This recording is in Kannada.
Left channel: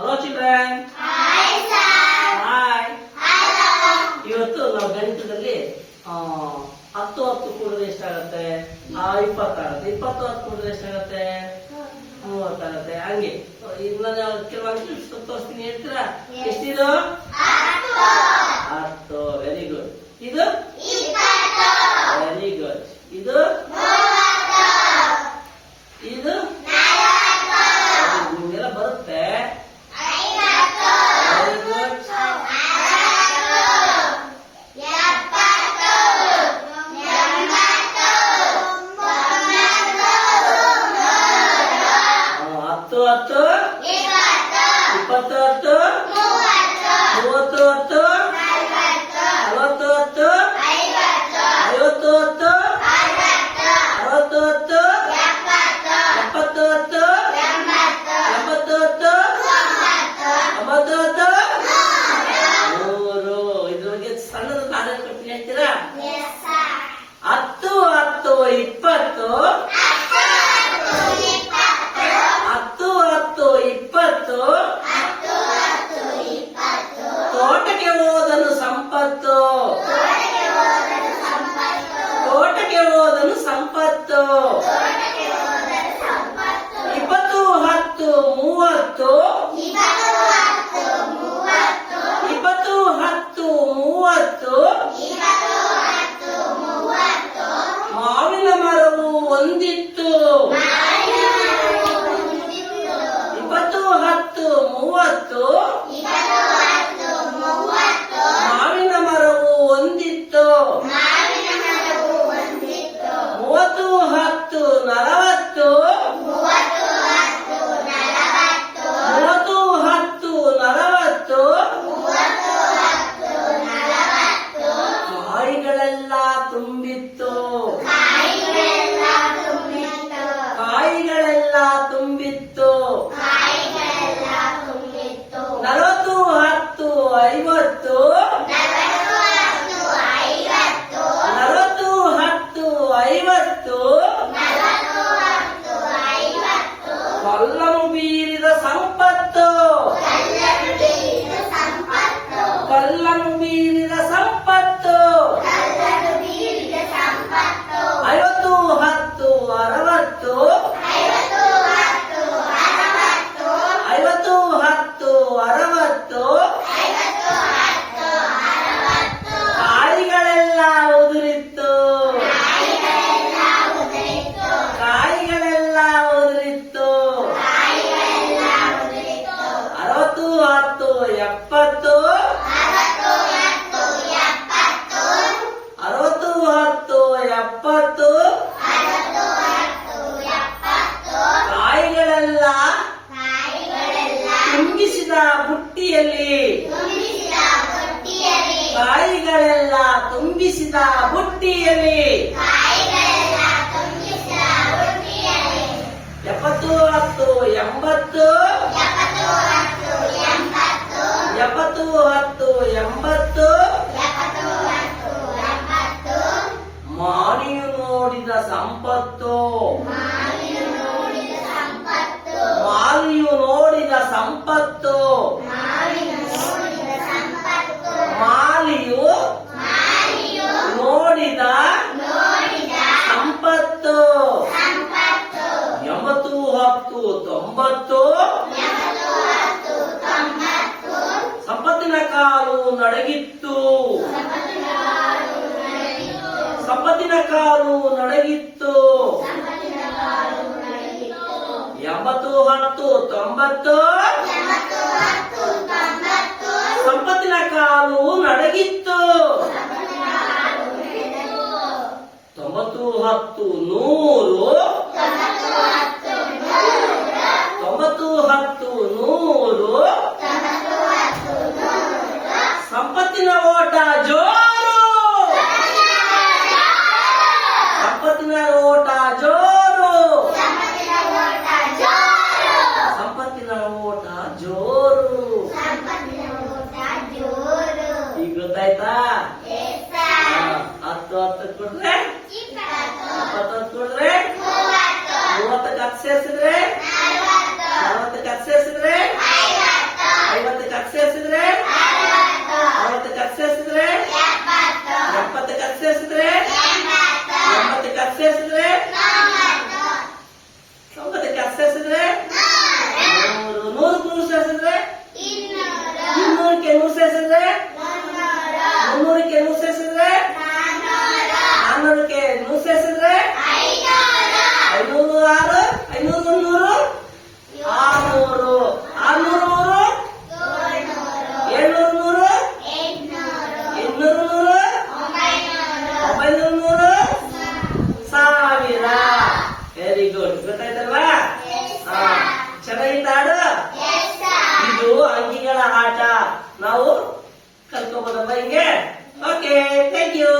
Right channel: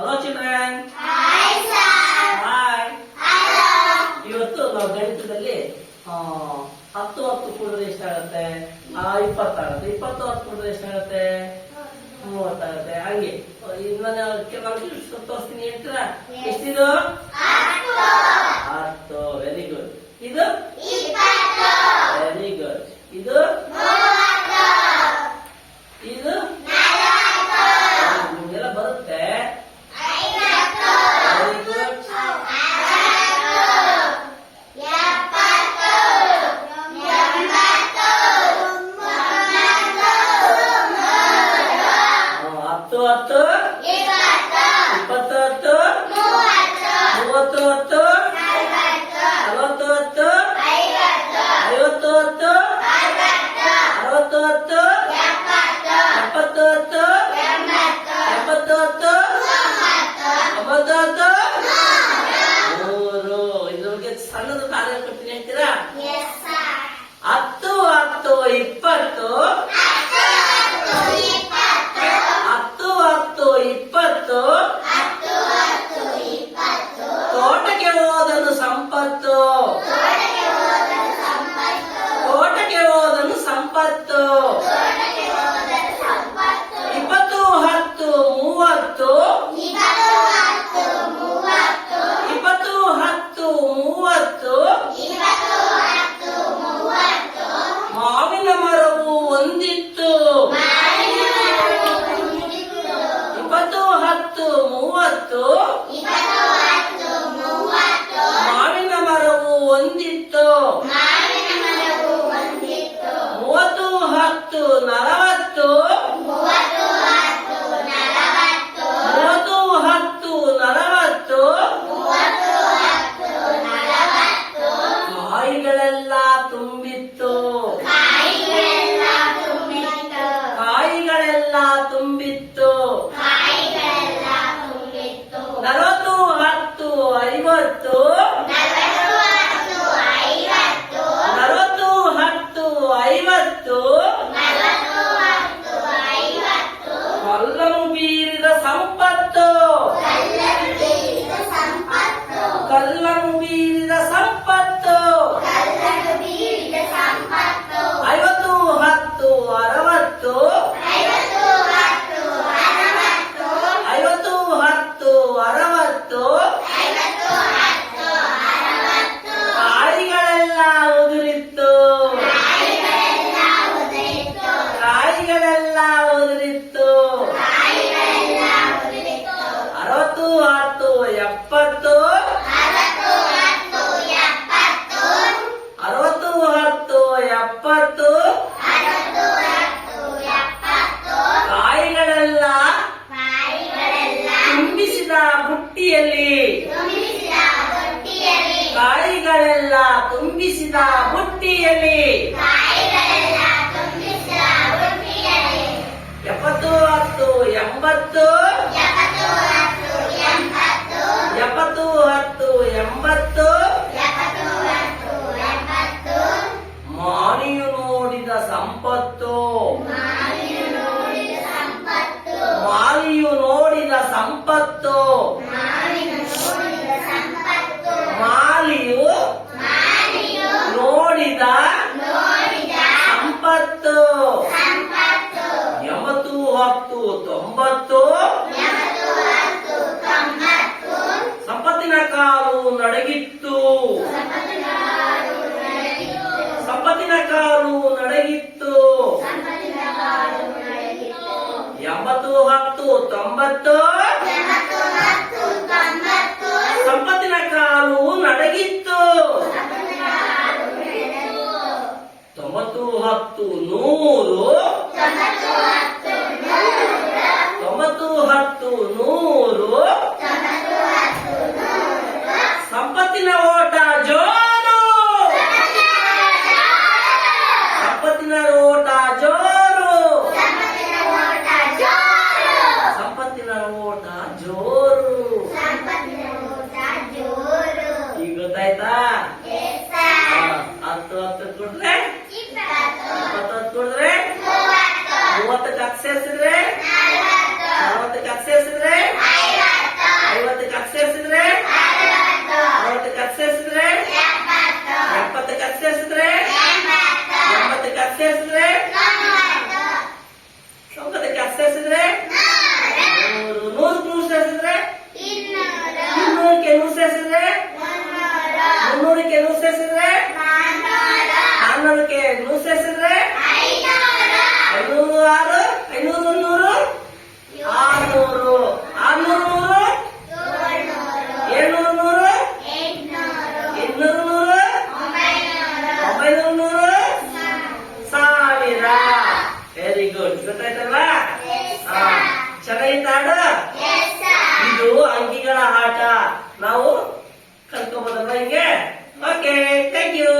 ಹಲೋ ಚಿಲ್ಡ್ರನ್ ಹಾಯ್ ಇವತ್ತು ನಾವು ಗಣಿತದಲ್ಲಿ ಹತ್ತು ಹತ್ತು ಕೂಡಿದ್ರೆ ಎಷ್ಟಾಗತ್ತೆ? ಇಪ್ಪತ್ತಾಗತ್ತೆ. ಇಪ್ಪತ್ತು ಹತ್ತು ಕೂಡಿದ್ರೆ ಎಷ್ಟಾಗತ್ತೆ? ಮೂವತ್ತಾಗತ್ತೆ ಹಂಗೆ. ಇನ್ನೊಂದು ನಾನು ಕೆಲವೊಂದು ತೋರಿಸ್ತೀನಿ ಹೇಳ್ತೀರಾ? ಎಷ್ಟಿದು? ಹತ್ತು. ವೆರಿ ಗುಡ್ ಇದು ಹತ್ತು ಹತ್ತು ಇಪ್ಪತ್ತು ಹತ್ತು ಮೂವತ್ತು ಹತ್ತು ನಲವತ್ತು ಹತ್ತು ಐವತ್ತು ಹತ್ತು ಅರವತ್ತು ಹತ್ತು ಎಪ್ಪತ್ತು ಹತ್ತು ಎಪ್ಪತ್ತು ಹತ್ತು ಒಂಬತ್ತು ಹತ್ತು ಮೂರು ಇದ್ರ ಬಗ್ಗೆ ಸಣ್ಣದು ಕಾಲ ಕೊಡ್ತೀನಿ ಹೇಳ್ತೀರಾ? ಹೋದನು ಸಂಪತ್ತು. ತೋಟಕ್ಕೆ ಹೋದನು ಸಂಪತ್ತು. ಇಪ್ಪತ್ತು ಹತ್ತು ಮೂವತ್ತು. ಇಪ್ಪತ್ತು ಹತ್ತು ಮೂವತ್ತು. ಮಾವಿನ ಮರವು ಒಂದಿತ್ತು. ಕಾಯಿಗಳೆಲ್ಲ ತುಂಬಿತ್ತು. ನಲವತ್ತು ಹತ್ತು ಐವತ್ತು. ನಲವತ್ತು ಹತ್ತು ಐವತ್ತು. ಕಲ್ಲನು ಬೀರಿದ ಸಂಪತ್ತು. ಕಲ್ಲನು ಬೀರಿದ ಸಂಪತ್ತು. ಎಪ್ಪತ್ತು. ಕಾಯಿಗಳೆಲ್ಲ ತುಂಬಿಸಿದ ಬುಟ್ಟಿಯಲ್ಲಿ. ಕಾಯಿಗಳೆಲ್ಲ ತುಂಬಿಸಿದ ಬುಟ್ಟಿಯಲ್ಲಿ. ಎಪ್ಪತ್ತು ಹತ್ತು ಎಂಬತ್ತು. ಸಂಪತ್ತು. ಮಾವಿಯು ನೋಡಿದ ಸಂಪತ್ತು. ಮಾಲಿಯು ನೋಡಿದ ಸಂಪತ್ತು. ಎಂಬತ್ತು ಹತ್ತು ತೊಂಬತ್ತು. ಸಂಪತ್ತಿನ ಕಾಲು ನಡಗಿತ್ತು. ಸಂಪತ್ತಿನ ಕಾರು ನಡಗಿತ್ತು ಎಂಬತ್ತು, ಹತ್ತು, ತೊಂಬತ್ತು. ಸಂಪತ್ತಿನ ಕಾಲು ನಡಗಿತ್ತು ತೊಂಬತ್ತು, ಹತ್ತು, ನೂರು. ತೊಂಬತ್ತು, ಹತ್ತು, ನೂರು. tercer ಗೊತ್ತಾಯ್ತಲ್ಲ ಚೆನ್ನಾಗಿತ್ತ ಹಾಡು? ಇದು ಅಂಕಿಗಳ ಆಟ ನಾವು ಕಲ್ತ್ಕೊಬೋದಲ್ಲ ಹಿಂಗೆ? Okay thank you